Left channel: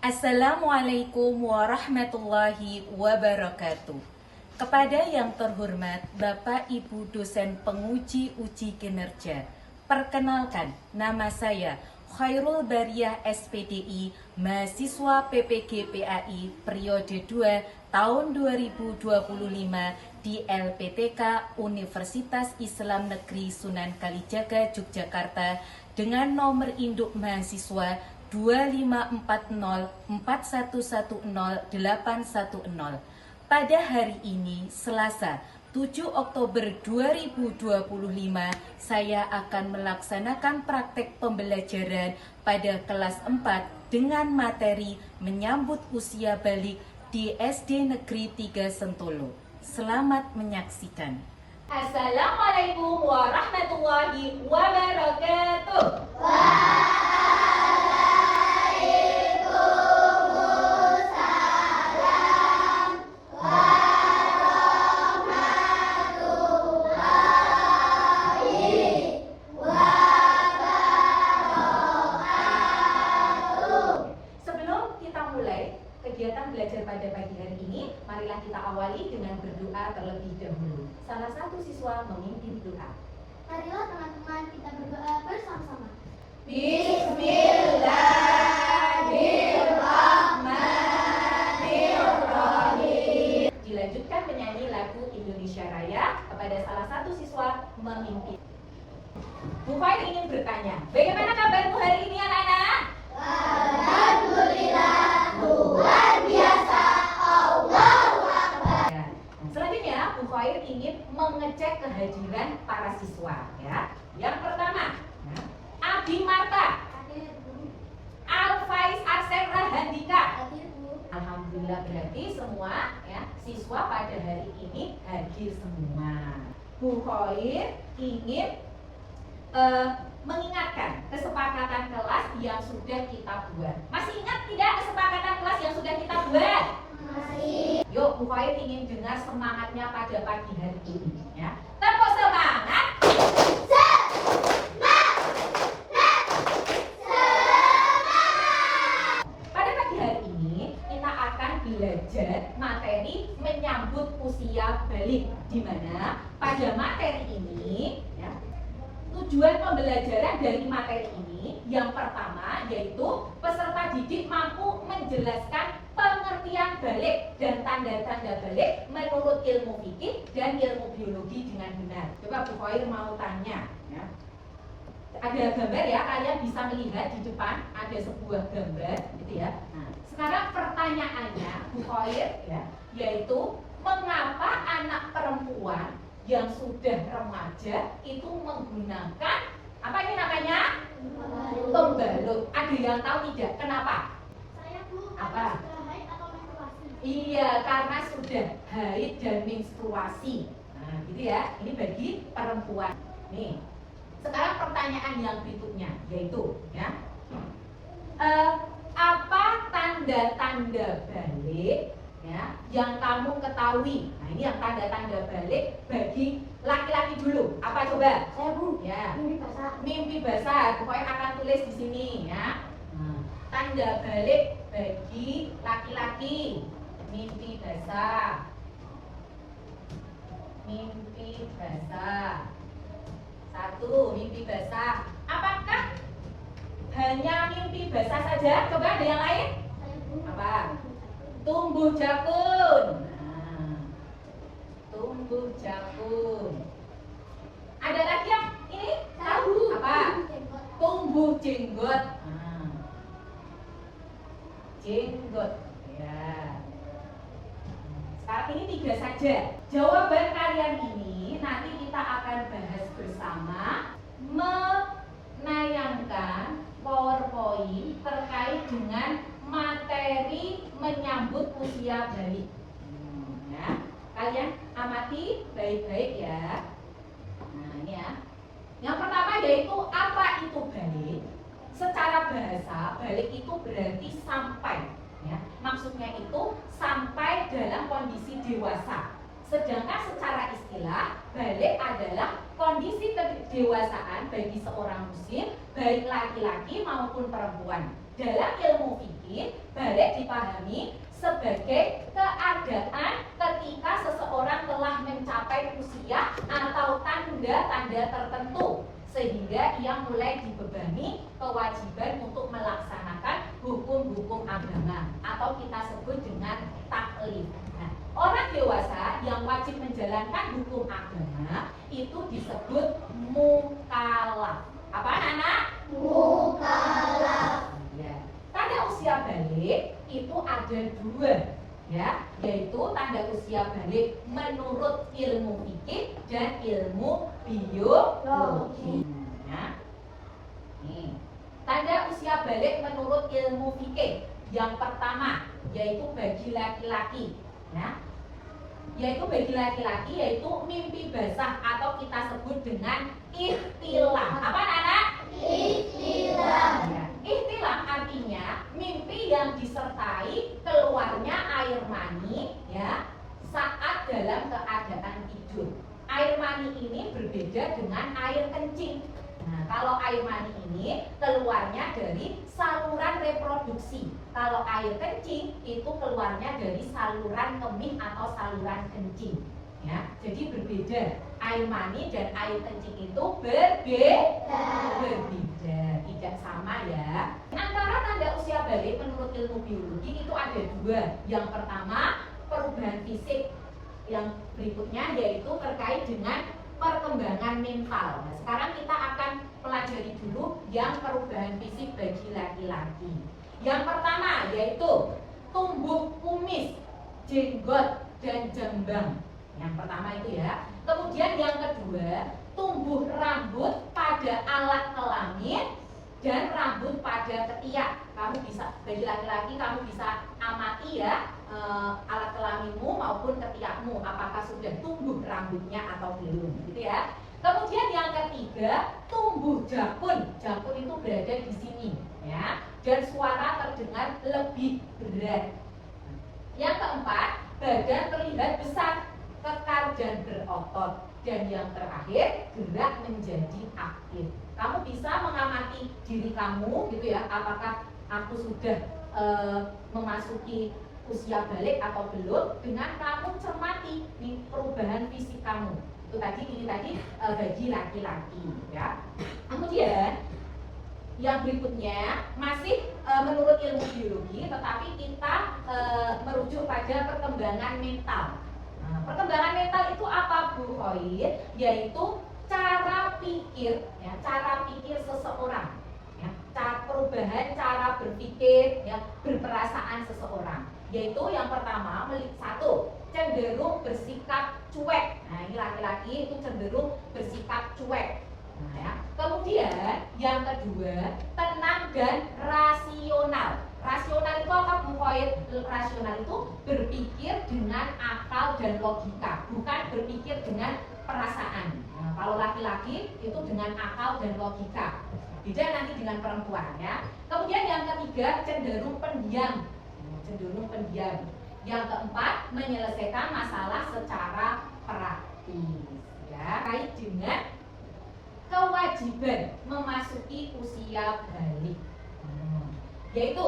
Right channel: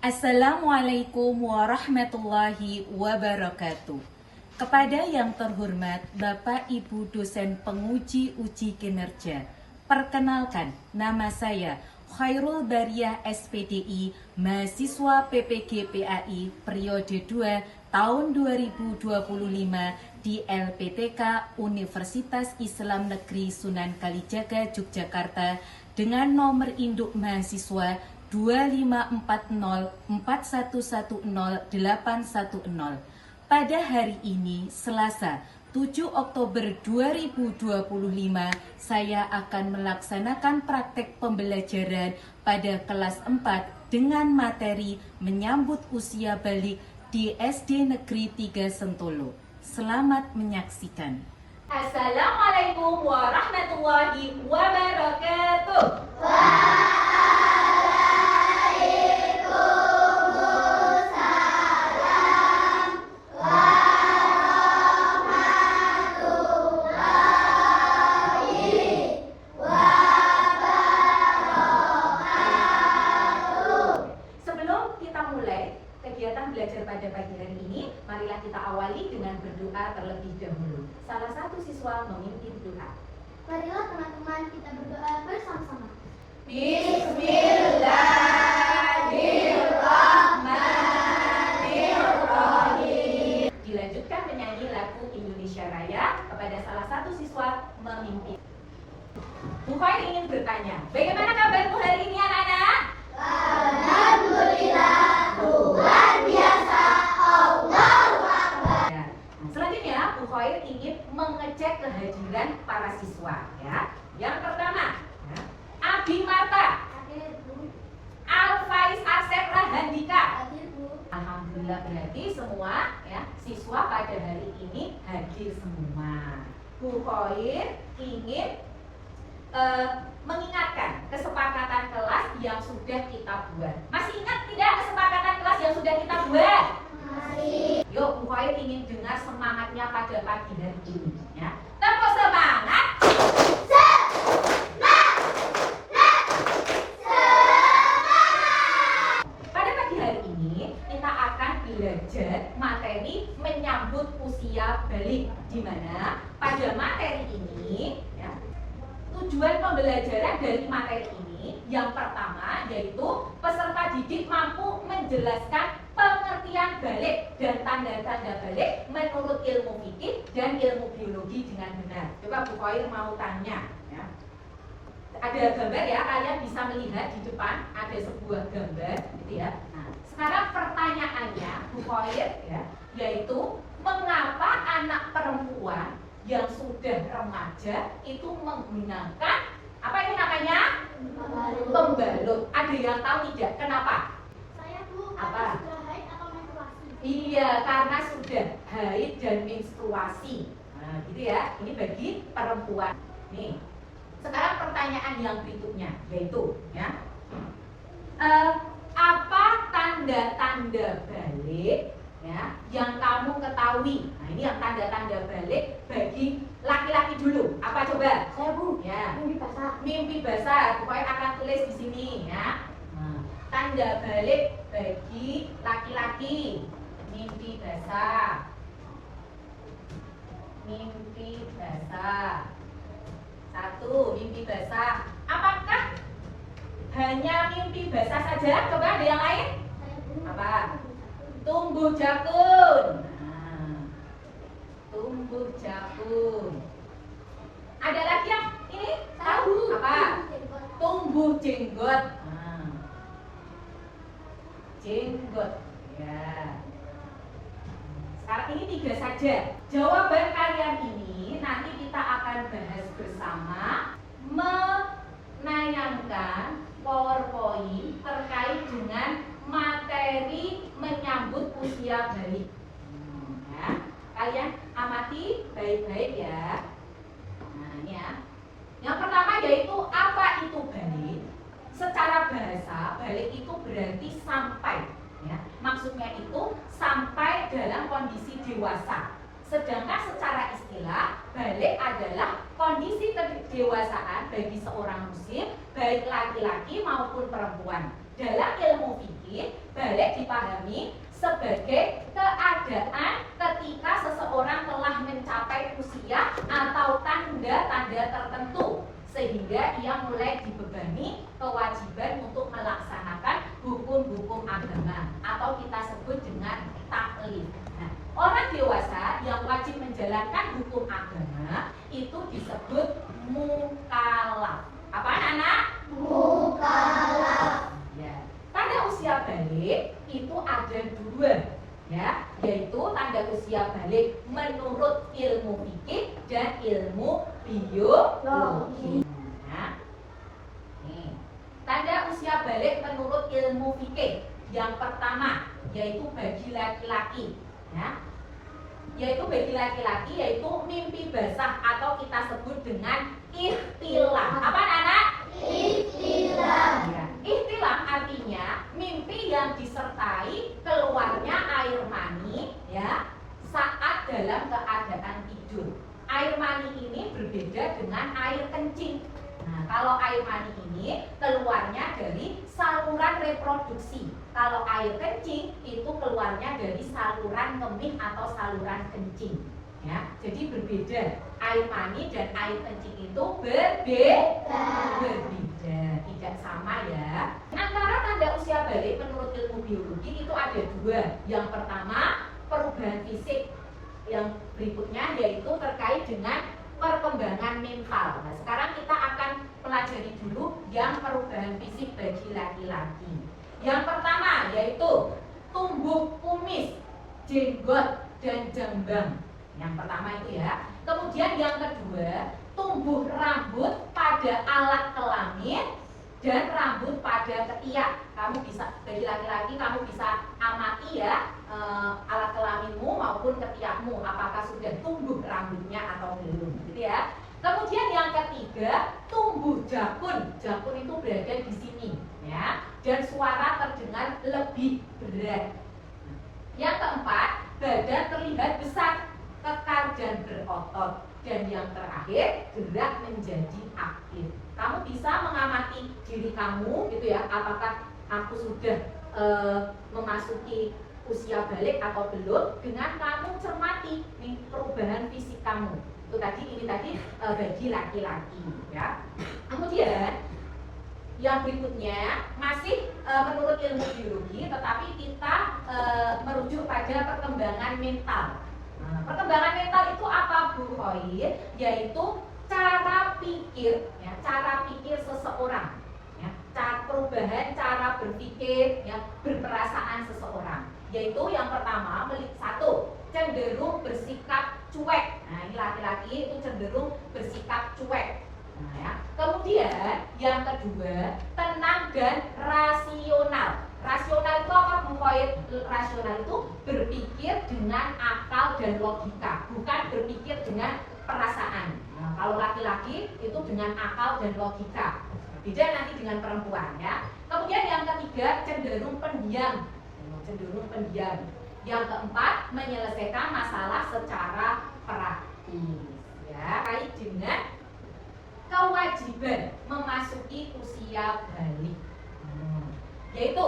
Assalamualaikum warahmatullahi wabarakatuh. Kepada yang terhormat Bapak Ibu dosen penguji uji kinerja, perkenalkan nama saya Khairul Bariyah SPDI, mahasiswa PPG PAI periode 2 tahun 2025 di LPTK Universitas Islam Negeri Sunan Kalijaga, Yogyakarta dengan nomor induk mahasiswa 25404110810. Pada hari ini, Selasa, 7 Oktober 2025, saya akan melaksanakan praktek pembelajaran pada kelas 4 dengan materi menyambut usia balik di SD Negeri 3 Sentolo. Selamat menyaksikan. Assalamualaikum warahmatullahi wabarakatuh. Kegiatan belajar pada pagi hari ini, marilah kita awali dengan berdoa terlebih dahulu. Salah satu siswa memimpin doa. Marilah teman-teman kita berdoa bersama-sama. Bismillahirrahmanirrahim. Dilanjutkan menyanyi lagu Indonesia Raya kepada salah satu siswa memimpin. Bu Khair ingin bertanya, bagaimana kabarmu hari ini anak-anak? Alhamdulillah, luar biasa, Allahu Akbar. Selanjutnya, Bu Khair ingin mengecek kehadiran para siswa. Ya. Yang pertama, Abi Marta, Hadir, Bu. Alfaiz Asep Rahandika. Hadir, Bu. Alhamdulillah, berarti semua ya siswa pada hari ini hadir semua. Bu Khair ingin mengingatkan kesepakatan kelas yang sudah kita buat. Masih ingat tidak kesepakatan kelas yang sudah kita buat? Masih. Yuk, Bu Khair ingin dengar semangatnya pada pagi hari ini. Ya. Tepuk semangat. Pada pagi hari ini kita akan belajar materi menyambut usia balik, di mana pada materi ini ya, tujuan pembelajaran dari materi ini yang pertama yaitu peserta didik mampu menjelaskan pengertian balik dan tanda-tanda balik menurut ilmu fikih dan ilmu biologi dengan benar. Coba Bu Khair mau tanya ya. Ada gambar ya, kalian bisa melihat di depan ada sebuah gambar gitu ya. Nah, sekarang pertanyaannya Bu Khair ya, yaitu mengapa anak perempuan yang sudah remaja itu menggunakan apa ini namanya? Pembalut. Ada yang tahu tidak kenapa? Saya, Bu, Apa? sudah haid atau menstruasi? Iya, karena sudah haid dan menstruasi. Nah, gitu ya. Ini bagi perempuan. Nih. Sekarang pertanyaan yang berikutnya yaitu ya. Apa tanda-tanda balik ya yang kamu ketahui? Nah, ini yang tanda-tanda balik bagi laki-laki dulu. Apa coba? Saya, Bu. Ya. Mimpi basah. Mimpi basah. Pokoknya akan tulis di sini ya. Nah, tanda balik bagi laki-laki. Mimpi basah. Mimpi basah. Satu, mimpi basah. Apakah hanya mimpi basah saja? Coba ada yang lain? Saya, Bu. Apa? Tumbuh jakun. Nah, tumbuh jakun. Ada lagi yang ini? Tahu apa? Tumbuh jenggot. Nah, jenggot. Ya. Sekarang ini 3 saja. Jawaban kalian ini nanti kita akan bahas bersama menayangkan PowerPoint terkait dengan materi menyambut usia balik. Ya. Kalian amati baik-baik ya. Nah, ini ya. Yang pertama yaitu apa itu balik? Secara bahasa, balik itu berarti sampai. Ya. Maksudnya itu sampai dalam kondisi dewasa. Sedangkan secara istilah balik adalah kondisi kedewasaan bagi seorang muslim, baik laki-laki maupun perempuan. Dalam ilmu fikih, balik dipahami sebagai keadaan ketika seseorang telah mencapai usia atau tanda-tanda tertentu sehingga ia mulai dibebani kewajiban untuk melaksanakan hukum-hukum agama atau kita sebut dengan taklif. Nah, orang dewasa yang wajib menjalankan hukum agama itu disebut mukallaf. Apa anak? Mukallaf. Ya. Tanda usia balik itu ada dua, ya, yaitu tanda usia balik menurut ilmu fikih dan ilmu biologi. Nah, nih, tanda usia balik menurut ilmu fikih yang pertama yaitu bagi laki-laki, ya, yaitu bagi laki-laki yaitu mimpi basah atau kita sebut dengan ihtilam. Apa anak? Ihtilam. Ya. Ihtilam artinya mimpi yang disertai keluarnya air mani, ya, saat dalam keadaan tidur. Air mani ini berbeda dengan air kencing. Nah, kalau air mani ini keluarnya dari saluran reproduksi. Kalau air kencing itu keluarnya dari saluran kemih atau saluran kencing. Ya, jadi berbeda. Air mani dan air kencing itu berbeda, tidak sama ya. Antara tanda usia balik menurut ilmu biologi itu ada dua. Yang pertama perubahan fisik, yang berikutnya yaitu terkait dengan perkembangan mental. Nah, sekarang kita akan pelajari dulu yang perubahan fisik bagi laki-laki. Yang pertama yaitu tumbuh kumis, jenggot, dan jambang. Yang pertama itu ya. Kemudian yang kedua, tumbuh rambut pada alat kelamin dan rambut pada ketiak. Kamu bisa, bagi laki-laki kamu bisa amati ya alat kelaminmu maupun ketiakmu, apakah sudah tumbuh rambutnya atau belum, gitu ya. Kemudian yang ketiga, tumbuh jakun. Jakun itu berada di sini, ya. Dan suara terdengar lebih berat. Yang keempat, badan terlihat besar, kekar dan berotot. Dan yang terakhir, gerak menjadi aktif. Kamu bisa mengamati diri kamu, gitu ya. Apakah aku sudah memasuki usia balik atau belum? Dengan kamu cermati nih perubahan fisik kamu. Itu tadi, ini tadi bagi laki-laki, ya. Kemudian yang berikutnya masih menurut ilmu biologi, tetapi kita merujuk pada perkembangan mental. Nah, perkembangan mental itu apa, Bu Hoir? Yaitu cara pikir, ya, cara pikir seseorang, ya, cara perubahan cara berpikir, ya, berperasaan seseorang. Yaitu yang pertama, satu, cenderung bersikap cuek. Nah, ini laki-laki itu cenderung bersikap cuek. Nah, ya. Kemudian yang kedua, tenang dan rasional. Rasional itu apa, Bu Khoir? Rasional itu berpikir dengan akal dan logika, bukan berpikir dengan perasaan. Nah, kalau laki-laki itu dengan akal dan logika. Beda nanti dengan perempuan, ya. Kemudian yang ketiga, cenderung pendiam. Cenderung pendiam. Yang keempat, menyelesaikan masalah secara praktis, ya. Kait dengan kewajiban memasuki usia balik, yaitu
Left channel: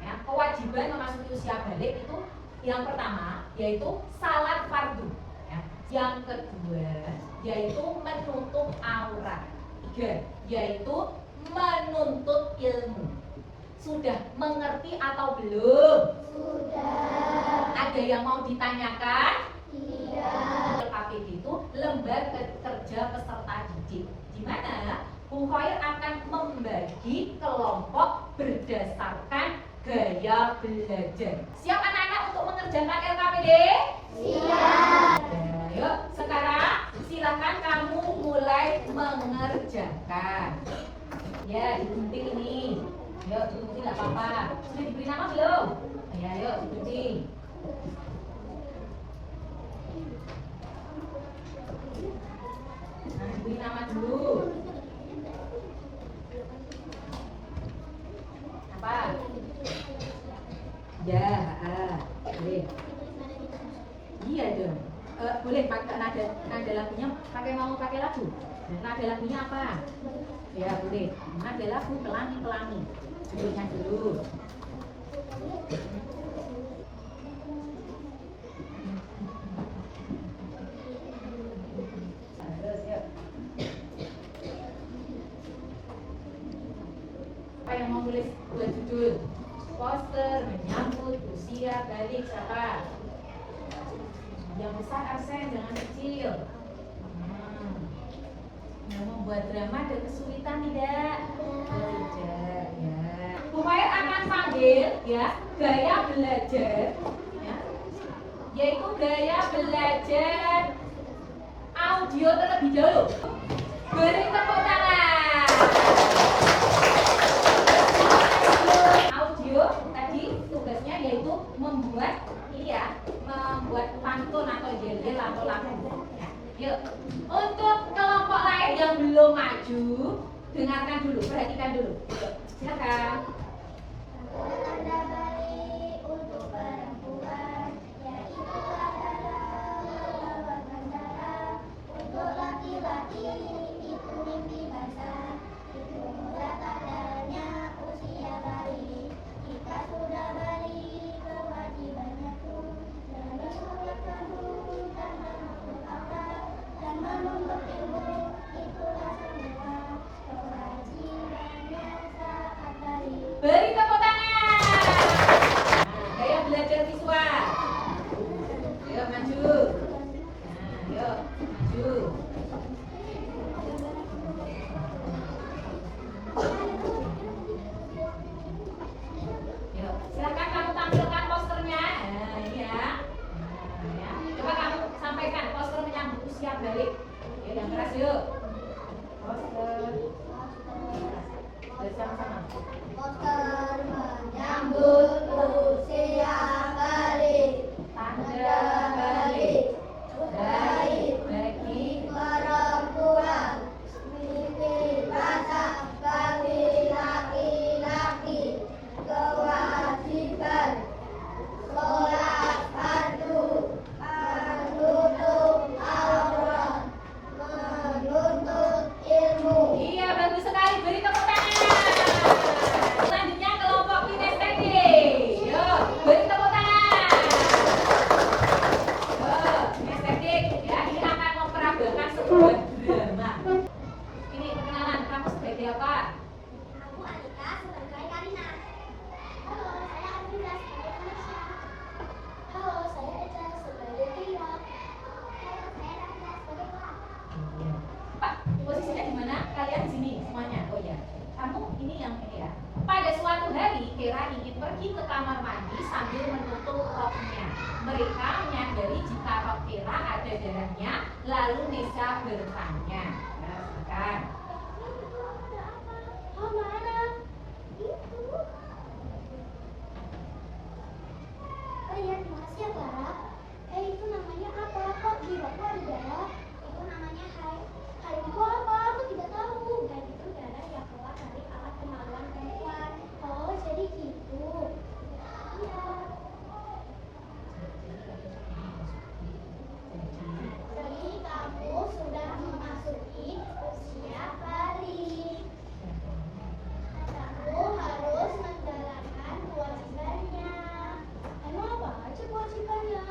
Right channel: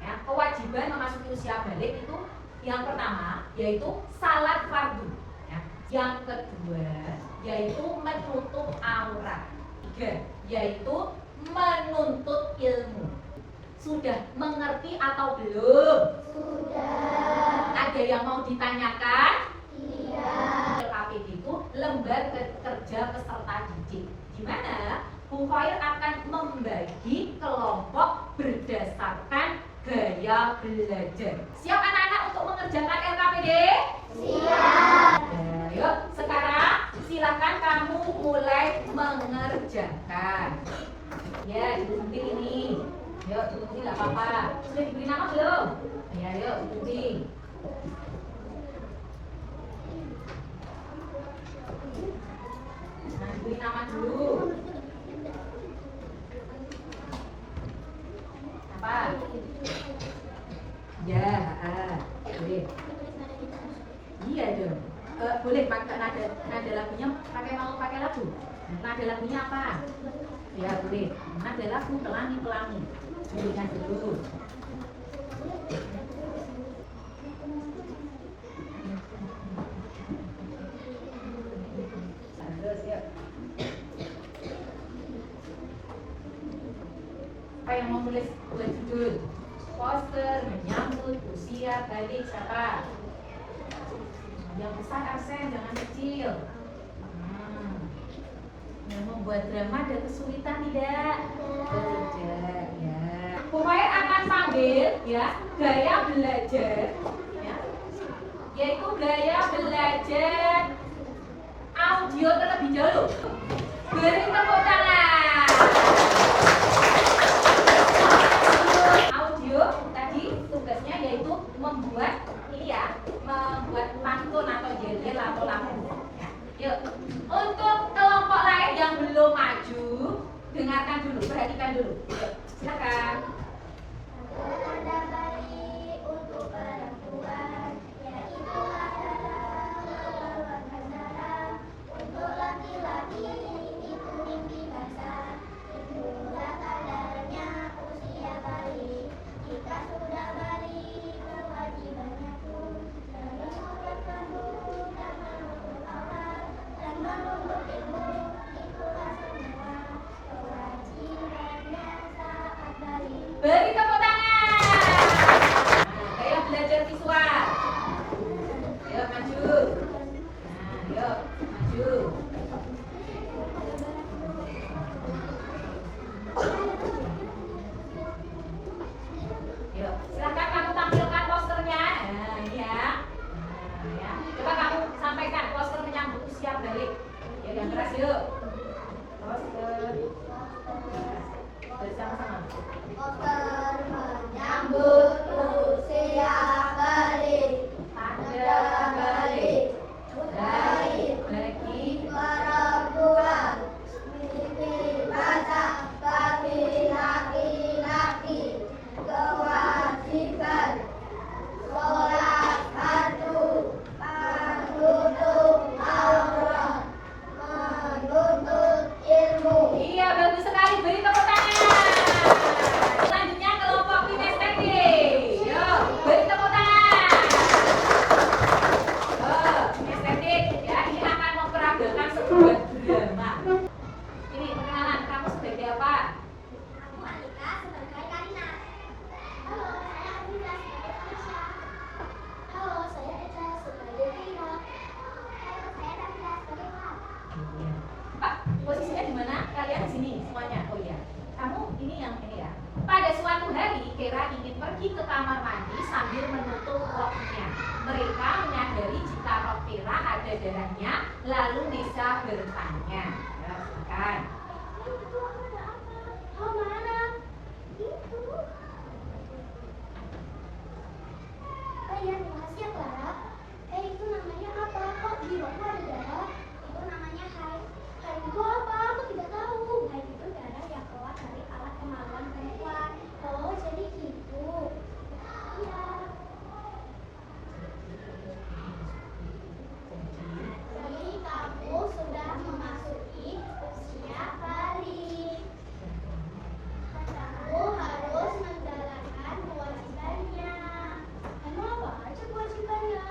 ya, kewajiban memasuki usia balik itu yang pertama yaitu salat fardu, ya. Yang kedua yaitu menutup aurat, tiga yaitu menuntut ilmu. Sudah mengerti atau belum? Sudah. Ada yang mau ditanyakan? Tidak. LKPD itu lembaga kerja peserta didik, di mana Bu Khoir akan membagi kelompok berdasarkan gaya belajar. Siap anak-anak untuk mengerjakan LKPD? Siap. Yuk, sekarang silakan kamu mulai mengerjakan. Ya, digunting ini. Yuk, digunting nggak apa-apa. Sudah diberi nama belum? Ya, yuk, digunting. Nah, diberi nama dulu. Apa? Ya, boleh. Iya dong. Boleh pakai nada lagunya mau pakai lagu. Nada lagunya apa? Ya boleh. Nada lagu pelangi. Dudukkan dulu. Terus yuk. Siapa yang mau nulis buat judul? Poster menyambut usia balik siapa? Yang besar Arsen, jangan kecil. Yang membuat drama ada kesulitan tidak? Tidak, ya. Pokoknya akan sambil ya gaya belajar, ya, yaitu gaya belajar audio terlebih dahulu. Beri tepuk tangan. Audio tadi tugasnya yaitu membuat ini ya, membuat pantun atau yel atau lagu. Yuk, untuk kelompok lain yang belum maju, dengarkan dulu, perhatikan dulu. Yuk, silakan. Tanda baik untuk perempuan, yaitu adalah membawa bendera. Untuk laki-laki itu mimpi besar, itulah tandanya usia balik. Jika sudah balik kewajibannya pun menuntut kamu dan menuntut akal dan menuntut ilmu, itulah semua kewajibannya saat balik. Beri tepuk tangan. Nah, gaya belajar visual. Yuk maju. Nah, yuk maju. Yuk, silakan kamu tampilkan posternya. Nah, ini ya. Nah, ya. Coba kamu sampaikan poster menyambut usia balik. Ya, yang keras yuk. Poster. Bersama-sama. Poster menyambut usia balik, Tanda balik. balik Bagi perempuan, mimpi basah bagi laki-laki, kewajiban sholat fardu, menuntut aurat, menuntut ilmu. Iya, bagus sekali. Beri tepuk tangan. Selanjutnya kelompok kinestetik. Yuk, beri tepuk tangan. Oh, kinestetik ya, ini akan memperagakan sebuah drama. Ini perkenalan, kamu sebagai apa? Aku Alika sebagai Karina. Halo, saya Arvinda sebagai Manisha. Halo, saya Eca sebagai Kira. Halo, saya Rafida sebagai Wak. Iya. Pak, posisinya di mana? Kalian di sini semuanya. Oh iya. Kamu ini yang ini ya. Pada suatu hari, Kira ingin pergi ke kamar mandi sambil menutup roknya. Mereka menyadari jika rok Kira ada darahnya, lalu Nisa bertanya. Ya, silakan. Itu ada apa? Oh, mana? Itu. Oh iya, terima kasih ya Clara. Itu namanya apa? Kok di rokmu ada darah? Itu namanya haid. Haid itu apa? Aku tidak tahu. Haid itu darah yang keluar dari alat kemaluan perempuan. Oh, jadi gitu. Iya. Jadi kamu sudah memasuki usia balik. Kamu harus menjalankan kewajibannya. Emang apa aja kewajibannya?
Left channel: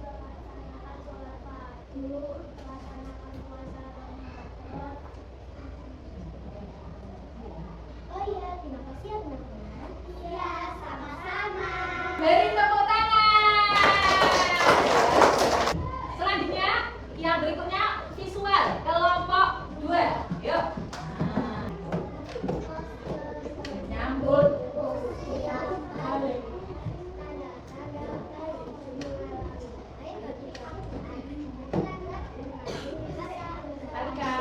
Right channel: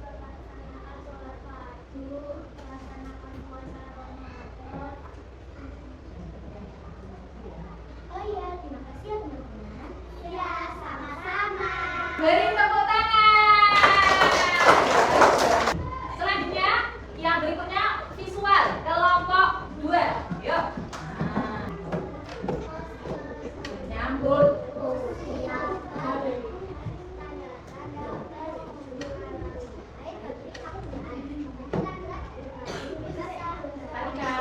Melaksanakan sholat fardu, melaksanakan puasa Ramadan. Oh iya, terima kasih ya teman-teman. Iya, sama-sama. Beri tepuk tangan. Selanjutnya, yang berikutnya visual kelompok 2. Yuk. Nah. Menyambut Usia balik. Alika.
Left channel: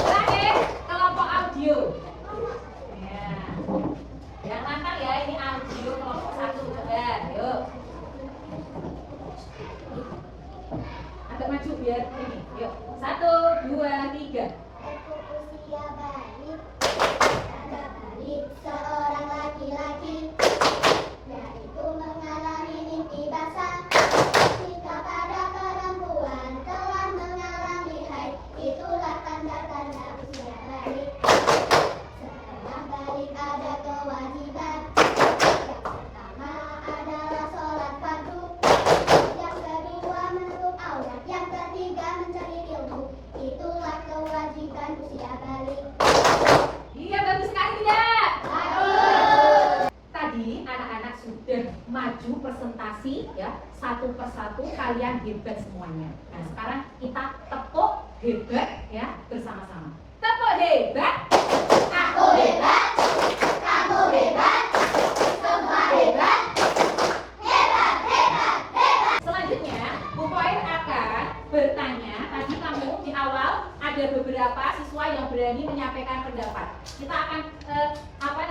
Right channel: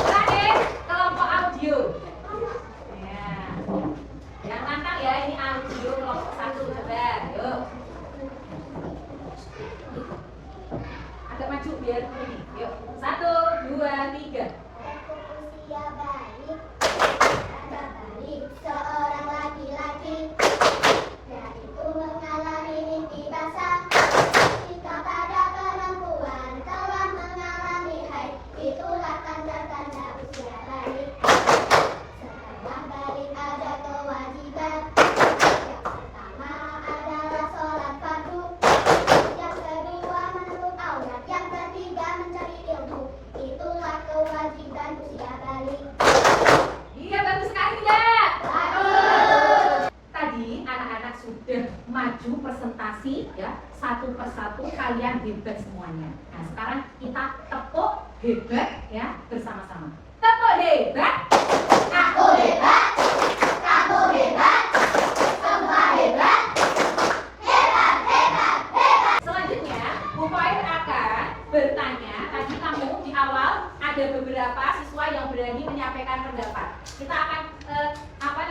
Terakhir, kelompok audio. Ya. Yang nakal ya, ini audio kelompok 1. Coba, yuk. Agak maju biar ini. Yuk. 1, 2, 3. Usia balik, tanda balik seorang laki-laki, yaitu mengalami presentasi ya, satu persatu kalian hebat semuanya. Nah, sekarang kita tepuk hebat ya bersama-sama. Tepuk hebat. Aku hebat, kamu hebat, semua hebat, hebat, hebat, hebat. Selanjutnya, Bu Fair akan bertanya. Tadi kamu di awal ada beberapa siswa yang berani menyampaikan pendapat. Kita akan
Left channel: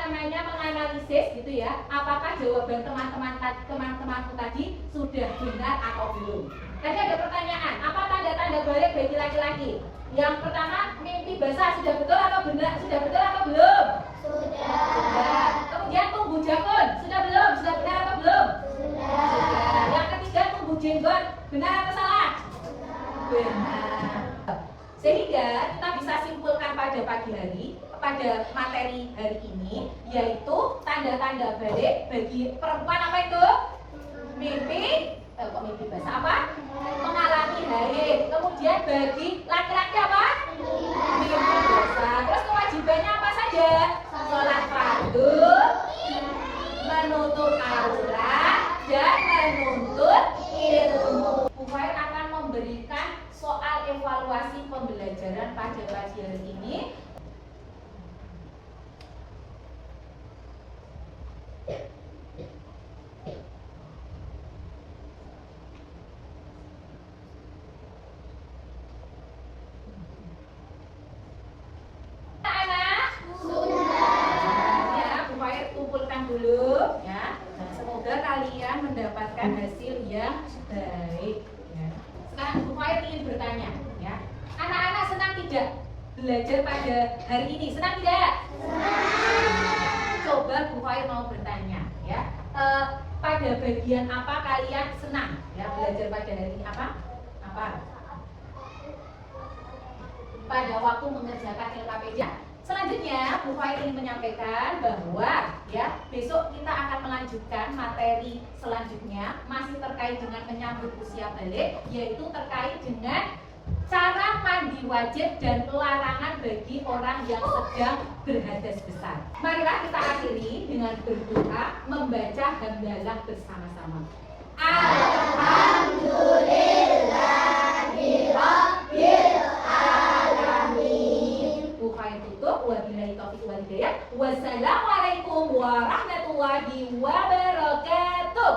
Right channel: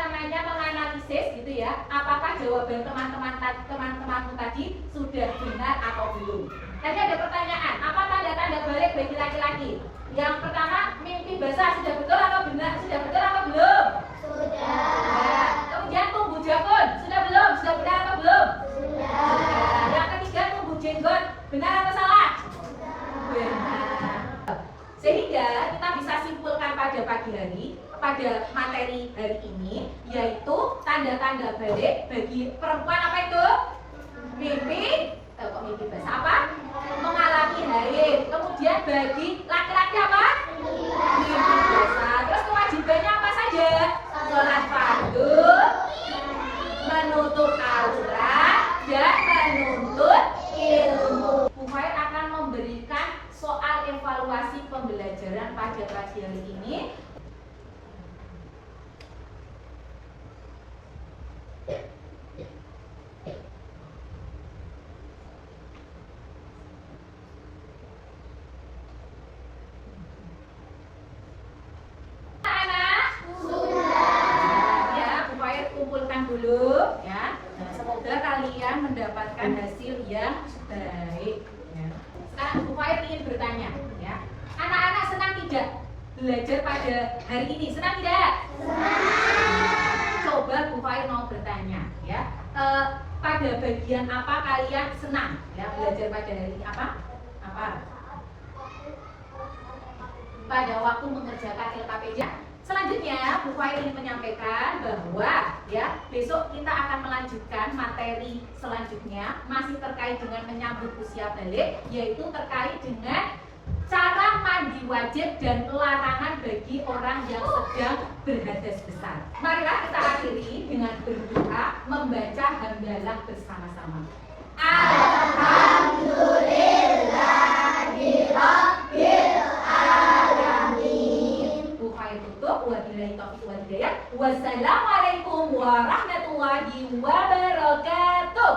menganalisis gitu ya, apakah jawaban teman-temanku tadi sudah benar atau belum. Tadi ada pertanyaan, apa tanda-tanda balik bagi laki-laki? Yang pertama, mimpi basah sudah betul atau benar? Sudah betul atau belum? Sudah. Kemudian tumbuh janggut, sudah belum? Sudah benar atau belum? Sudah. Yang ketiga, tumbuh jenggot, benar atau salah? Benar. Sehingga kita bisa simpulkan pada pagi hari, pada materi hari ini, yaitu tanda-tanda balik bagi perempuan apa itu? Mimpi, kok mimpi basah apa? Mengalami haid. Kemudian bagi laki-laki apa? Mimpi basah. Terus kewajibannya apa saja? Sholat fardu, menutup aurat, dan menuntut ilmu. Bu Fair akan memberikan soal evaluasi pembelajaran pada pagi hari ini. Dulu ya. Nah, semoga kalian mendapatkan hasil yang baik ya. Sekarang Bu Fair ingin bertanya ya. Anak-anak senang tidak belajar pada hari ini? Senang tidak? Coba Bu Fair mau bertanya ya. Pada bagian apa kalian senang ya belajar pada hari ini? Apa? Pada waktu mengerjakan LKPJ. Selanjutnya, Bu Fair ingin menyampaikan bahwa ya besok kita akan melanjutkan materi selanjutnya masih terkait dengan menyambut usia balik, yaitu terkait dengan cara mandi wajib dan larangan bagi orang yang sedang berhadas besar. Marilah kita akhiri dengan berdoa membaca hamdalah bersama-sama. Alhamdulillahirabbil alamin. Bu Fair tutup. Wabillahi taufiq wal hidayah. Wassalamualaikum warahmatullahi wabarakatuh.